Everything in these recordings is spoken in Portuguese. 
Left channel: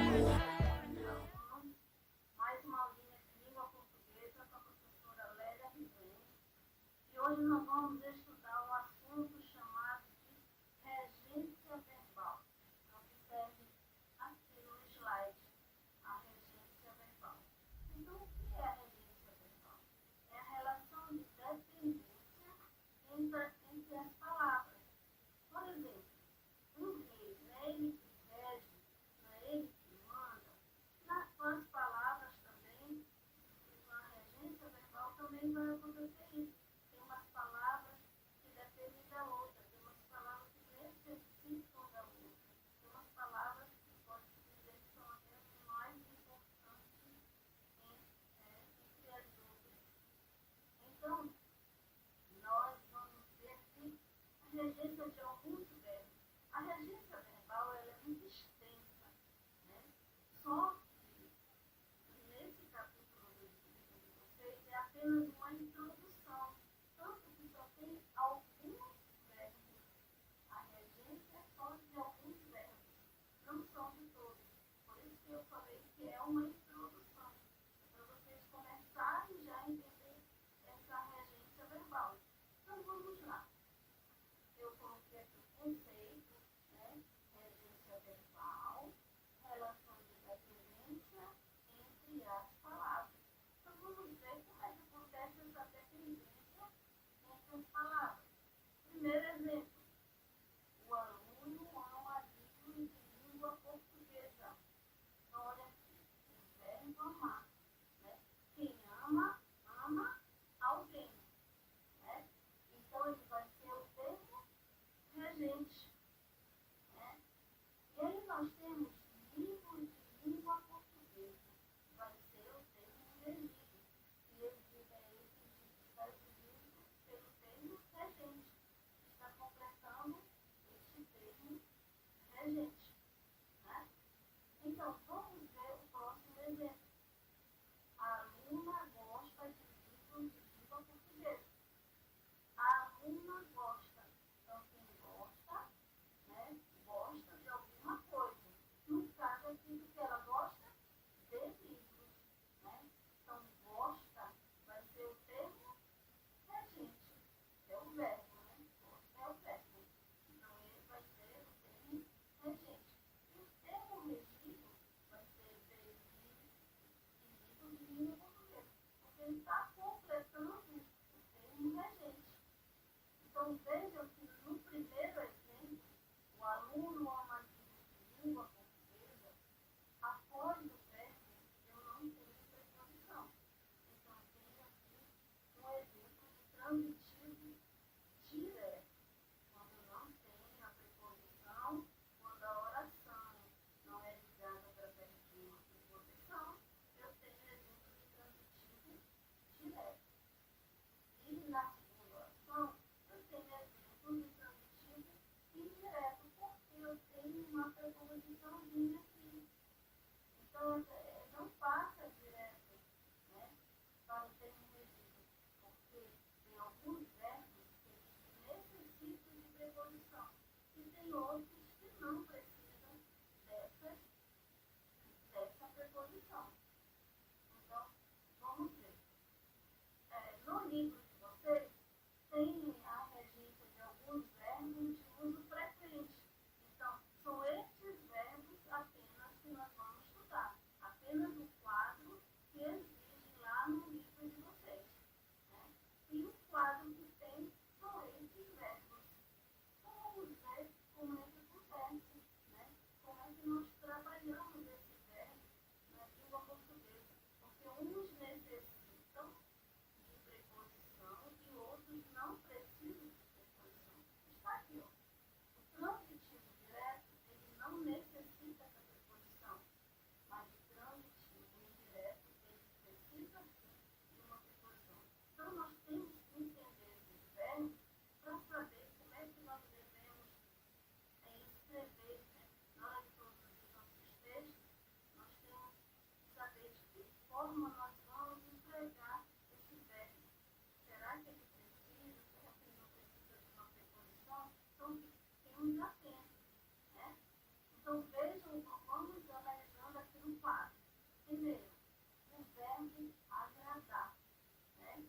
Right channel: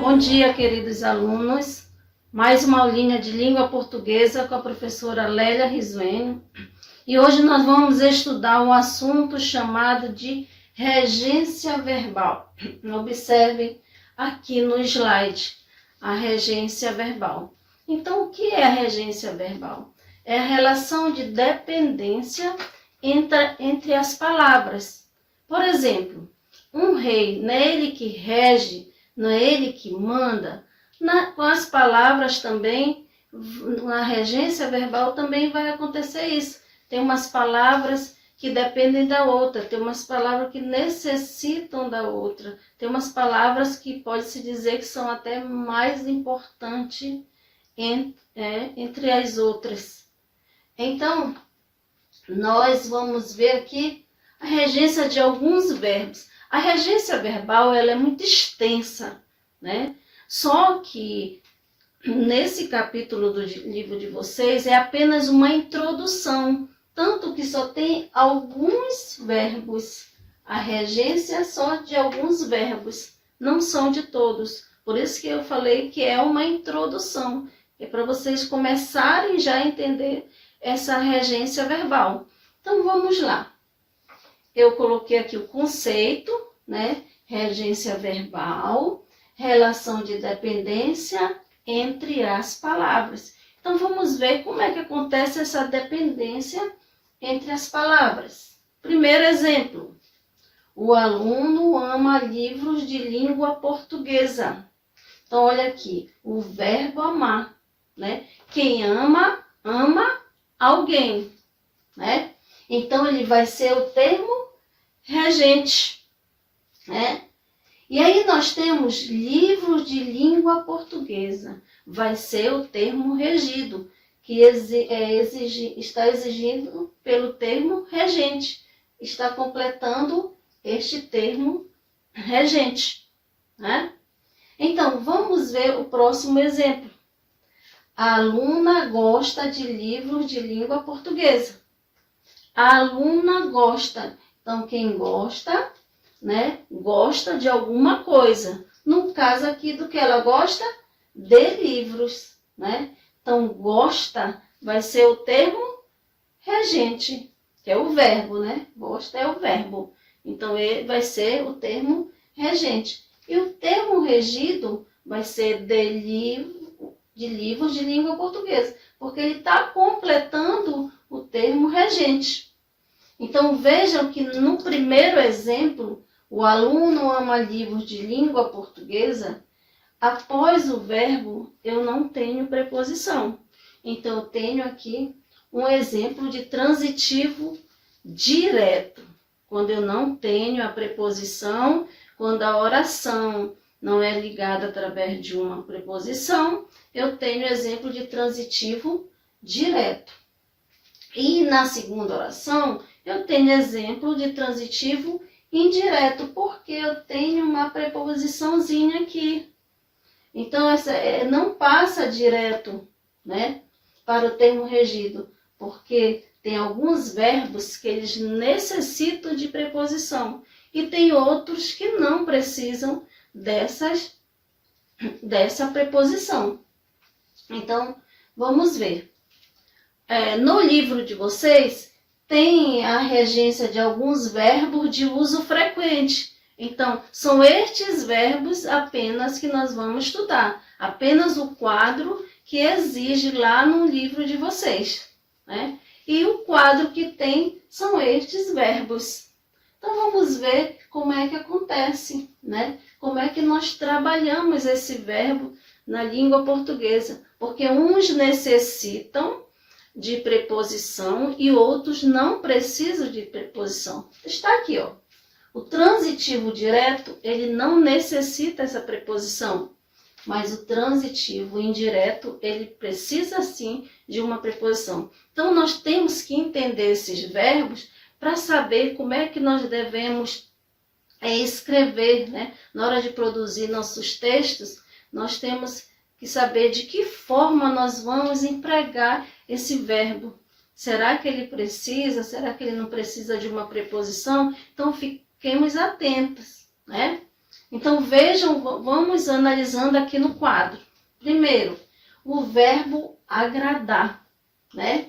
Bom dia, queridos alunos. Mais uma aulinha de língua portuguesa com a professora Lélia Risuênio. E hoje nós vamos estudar um assunto chamado de regência verbal. Observe aqui no slide a regência verbal. Então, o que é a regência verbal? É a relação de dependência entre as palavras. Por exemplo, um rei, não é ele que rege, não é ele que manda. Com as palavras também, na regência verbal também vai acontecer isso. Tem umas palavras que dependem da outra, tem umas palavras que necessitam da outra, tem umas palavras que pode-se dizer que são até mais importantes entre as outras. Então, nós vamos ver aqui a regência de alguns verbos. A regência verbal ela é muito extensa, né? Só que nesse capítulo do livro de vocês é apenas uma introdução, tanto que só tem alguns verbos. A regência é só de alguns verbos, não são de todos. Por isso que eu falei que é uma introdução, é para vocês começarem já a entender essa regência verbal. Então vamos lá. Eu coloquei aqui o conceito, né? Regência verbal, relação de dependência entre as palavras. Então, vamos ver como é que acontece essa dependência entre as palavras. Primeiro exemplo. O aluno ama livros de língua portuguesa. Então, olha aqui, o verbo amar, né? Quem ama, ama alguém, né? Então, ele vai ser o termo regente, né? E aí nós temos livros de língua portuguesa. Vai ser o termo regido, que está exigido pelo termo regente. Está completando este termo regente, né? Então, vamos ver o próximo exemplo. A aluna gosta de livros de língua portuguesa. A aluna gosta. Então, quem gosta, né, gosta de alguma coisa. No caso aqui, do que ela gosta? De livros, né? Então, gosta vai ser o termo regente, que é o verbo, né? Gosta é o verbo. Então, ele vai ser o termo regente. E o termo regido vai ser de livros de língua portuguesa, porque ele está completando o termo regente. Então, vejam que no primeiro exemplo, o aluno ama livros de língua portuguesa, após o verbo, eu não tenho preposição. Então, eu tenho aqui um exemplo de transitivo direto, quando eu não tenho a preposição, quando a oração não é ligada através de uma preposição, eu tenho exemplo de transitivo direto. E na segunda oração, eu tenho exemplo de transitivo indireto, porque eu tenho uma preposiçãozinha aqui. Então, essa não passa direto, né, para o termo regido, porque tem alguns verbos que eles necessitam de preposição e tem outros que não precisam dessa preposição. Então, vamos ver. No livro de vocês, tem a regência de alguns verbos de uso frequente. Então, são estes verbos apenas que nós vamos estudar. Apenas o quadro que exige lá no livro de vocês, né? E o quadro que tem são estes verbos. Então, vamos ver como é que acontece, né? Como é que nós trabalhamos esse verbo na língua portuguesa. Porque uns necessitam de preposição e outros não precisam de preposição. Está aqui, ó. O transitivo direto, ele não necessita essa preposição, mas o transitivo indireto, ele precisa sim de uma preposição. Então, nós temos que entender esses verbos para saber como é que nós devemos escrever, né? Na hora de produzir nossos textos, nós temos que saber de que forma nós vamos empregar esse verbo. Será que ele precisa? Será que ele não precisa de uma preposição? Então, fiquemos atentos, né? Então vejam, vamos analisando aqui no quadro. Primeiro, o verbo agradar, né?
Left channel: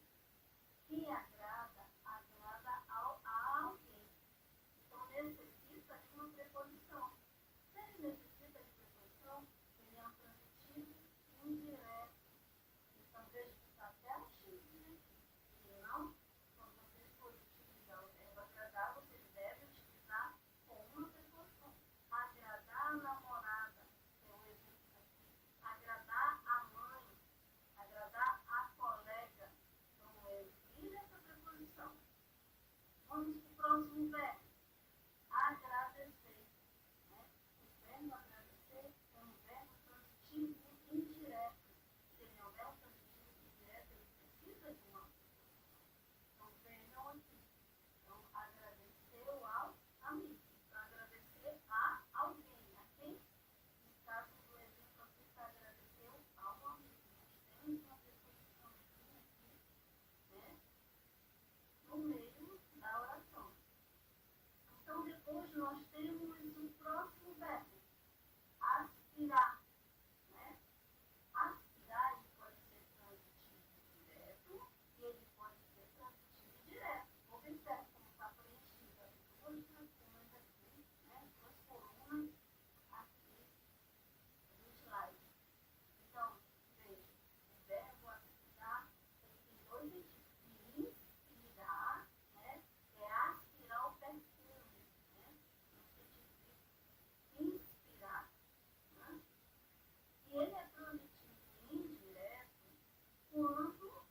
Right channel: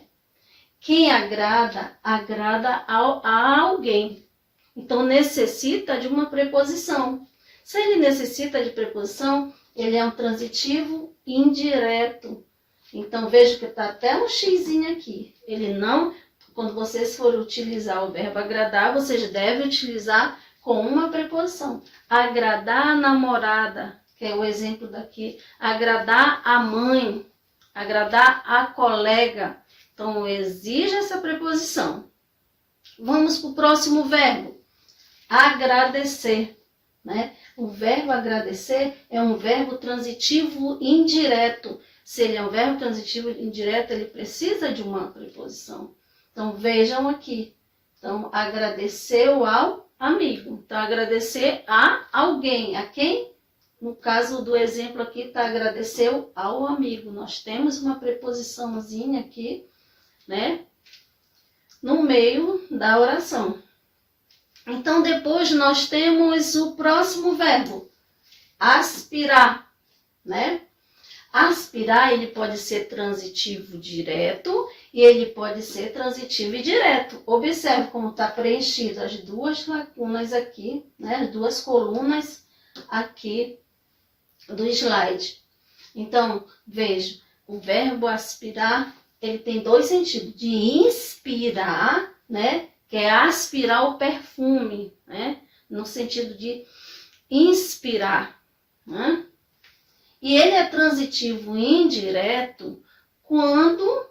Quem agrada, agrada a alguém. Então necessita de uma preposição. Se ele necessita de preposição, ele é um transitivo indireto. Então veja que está até um xizinho aqui. Ele não, quando vocês forem utilizar o verbo agradar, vocês devem utilizar com uma preposição. Agradar a namorada, que é o exemplo daqui. Agradar a mãe, agradar a colega. Então exige essa preposição. Vamos para o próximo verbo. Agradecer, né? O verbo agradecer é um verbo transitivo indireto. Se ele é um verbo transitivo indireto, ele precisa de uma preposição. Então, vejam aqui. Então, agradeceu ao amigo. Então, agradecer a alguém. A quem? No caso do exemplo aqui, está agradeceu ao amigo. Nós temos uma preposiçãozinha aqui, né? No meio da oração. Então, depois nós temos o próximo verbo, aspirar, né? Aspirar, ele pode ser transitivo direto e ele pode ser transitivo indireto. Observe como está preenchido as duas lacunas aqui, né? As duas colunas aqui do slide. Então, veja, o verbo aspirar, ele tem dois sentidos, de inspirar, né? Que é aspirar o perfume, né? No sentido de inspirar, né? E ele é transitivo indireto quando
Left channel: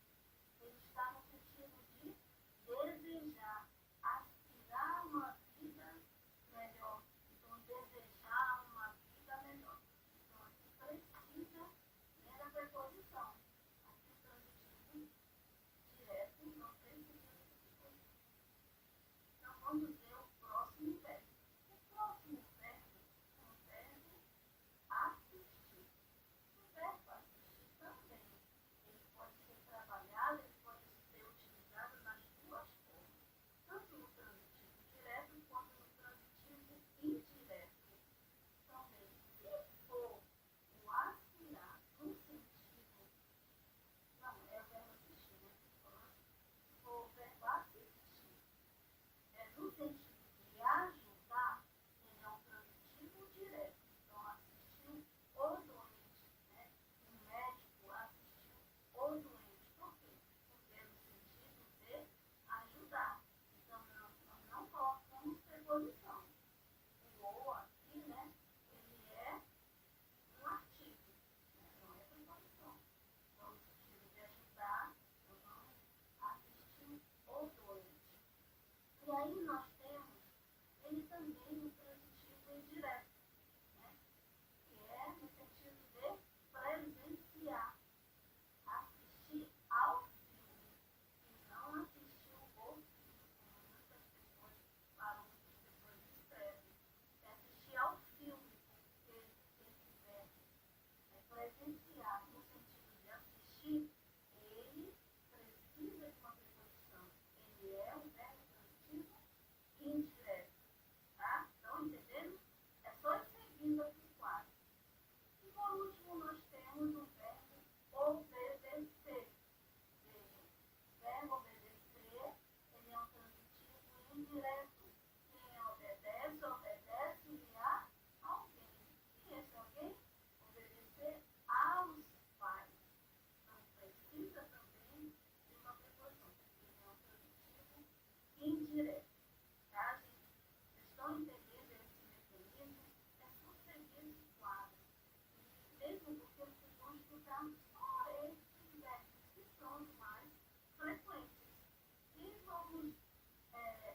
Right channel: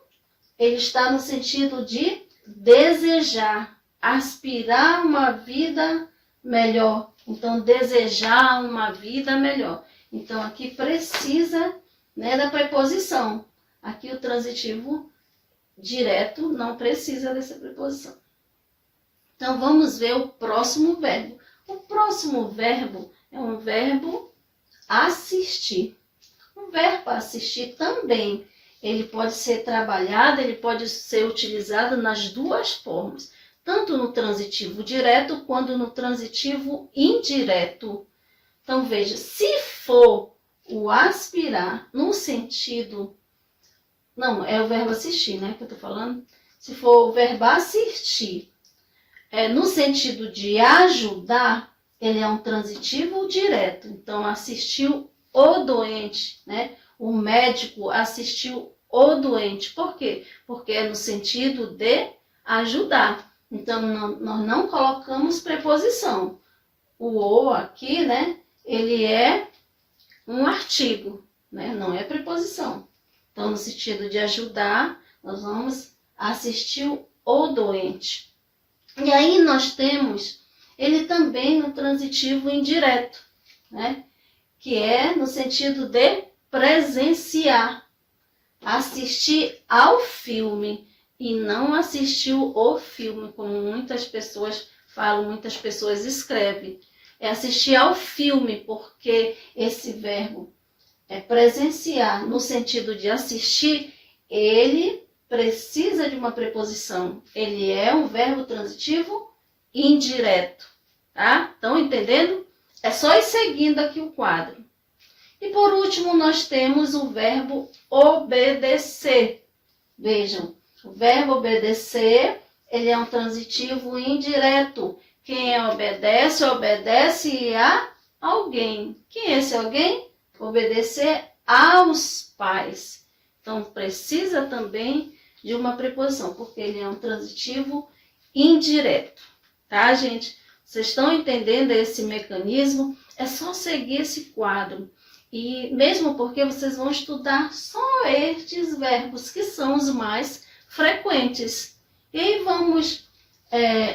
ele está no sentido de desejar, aspirar uma vida melhor. Então, desejar uma vida melhor. Então, aqui precisa, né, da preposição. Aqui o transitivo direto não precisa dessa preposição. Então, vamos ver o próximo verbo. O próximo verbo é um verbo assistir. O verbo assistir também, ele pode ser trabalhado, ele pode ser utilizado nas duas formas. Tanto no transitivo direto, quanto no transitivo indireto. Então, veja, se for o aspirar no sentido... Não, é o verbo assistir, né, que eu tô falando. Se for o verbo assistir, no sentido de ajudar, ele é um transitivo direto. Então, assistiu o doente, né? O médico assistiu o doente. Por quê? Porque é no sentido de ajudar. Então, nós não colocamos preposição. O "o" aqui, né? Ele é um artigo, né? Não é preposição. Então, no sentido de ajudar, nós vamos assistir o doente. E aí nós temos ele também no transitivo indireto, né? Que é no sentido de presenciar, assistir ao filme e não assistiu o filme, como muitas pessoas falam, muitas pessoas escrevem. É assistir ao filme, porque esse verbo é presenciar, no sentido de assistir, ele precisa de uma preposição. Ele é um verbo transitivo indireto, tá? Estão entendendo? É só ir seguindo aqui o quadro. E por último, nós temos o verbo obedecer. Vejam, o verbo obedecer, ele é um transitivo indireto. Quem obedece, obedece a alguém. Quem é esse alguém? Obedecer aos pais. Então, precisa também de uma preposição, porque ele é um transitivo indireto. Tá, gente? Vocês estão entendendo esse mecanismo? É só seguir esse quadro. E mesmo porque vocês vão estudar só estes verbos, que são os mais frequentes. E aí vamos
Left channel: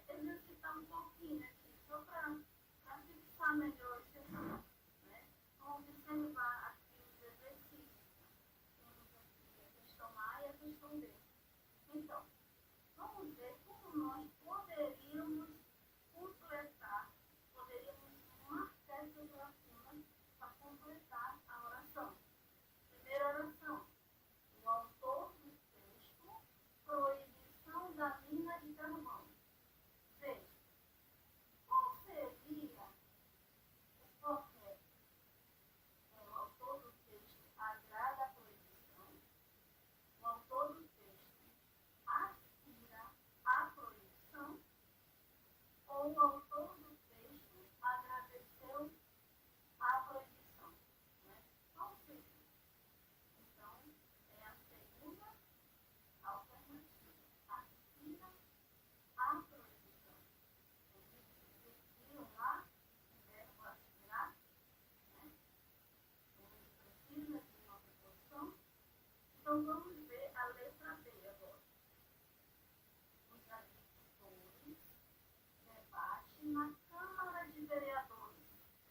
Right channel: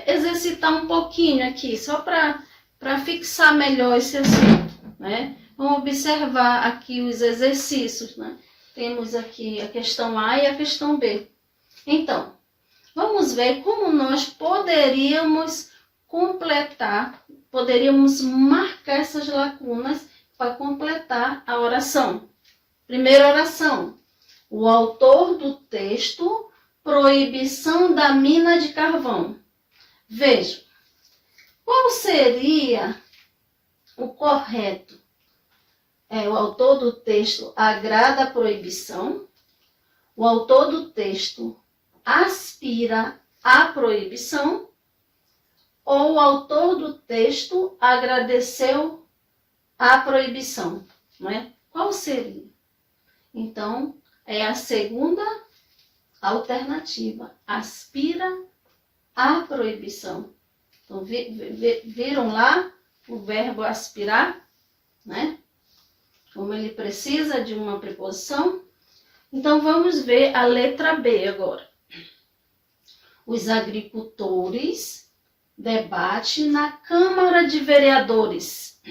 exercitar um pouquinho aqui, só para fixar melhor esse assunto, né? Vamos observar aqui os exercícios, né? Temos aqui a questão A e a questão B. Então, vamos ver como nós poderíamos completar, poderíamos marcar essas lacunas para completar a oração. Primeira oração. O autor do texto, proibição da mina de carvão. Veja, qual seria o correto é o autor do texto agrada a proibição, o autor do texto aspira à proibição, ou o autor do texto agradeceu à proibição, não é? Qual seria? Então, é a segunda alternativa, aspira à proibição. Então, viram lá o verbo aspirar, né? Como ele precisa de uma preposição. Então, vamos ver a letra B agora. Os agricultores debatem na Câmara de Vereadores.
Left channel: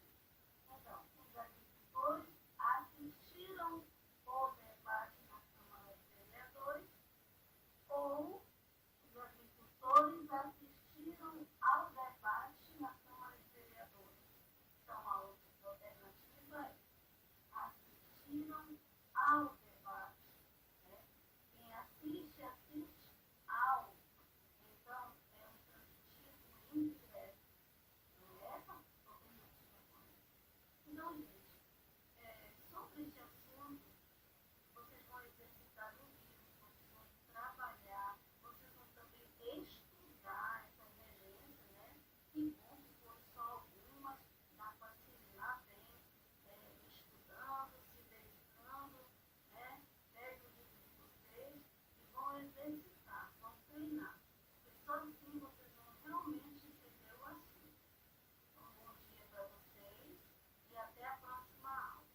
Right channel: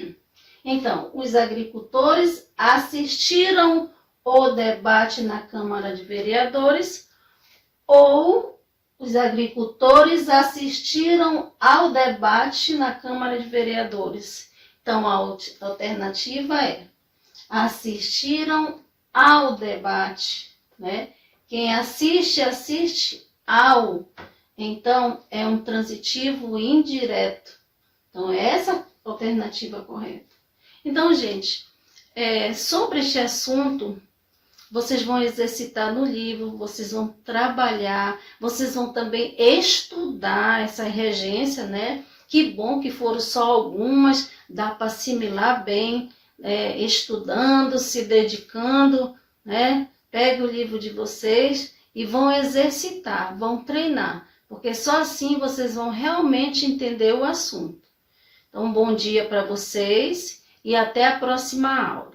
Então, os agricultores assistiram o debate na Câmara de Vereadores ou os agricultores assistiram ao debate na Câmara de Vereadores. Então, a alternativa é assistiram ao debate, né? Quem assiste, assiste ao. Então, é um transitivo indireto. Então, é essa a alternativa correta. Então, gente, sobre este assunto, vocês vão exercitar no livro, vocês vão trabalhar, vocês vão também estudar essa regência, né? Que bom que foram só algumas, dá para assimilar bem, estudando, se dedicando, né? Pega o livro de vocês e vão exercitar, vão treinar, porque só assim vocês vão realmente entender o assunto. Então, bom dia para vocês e até a próxima aula.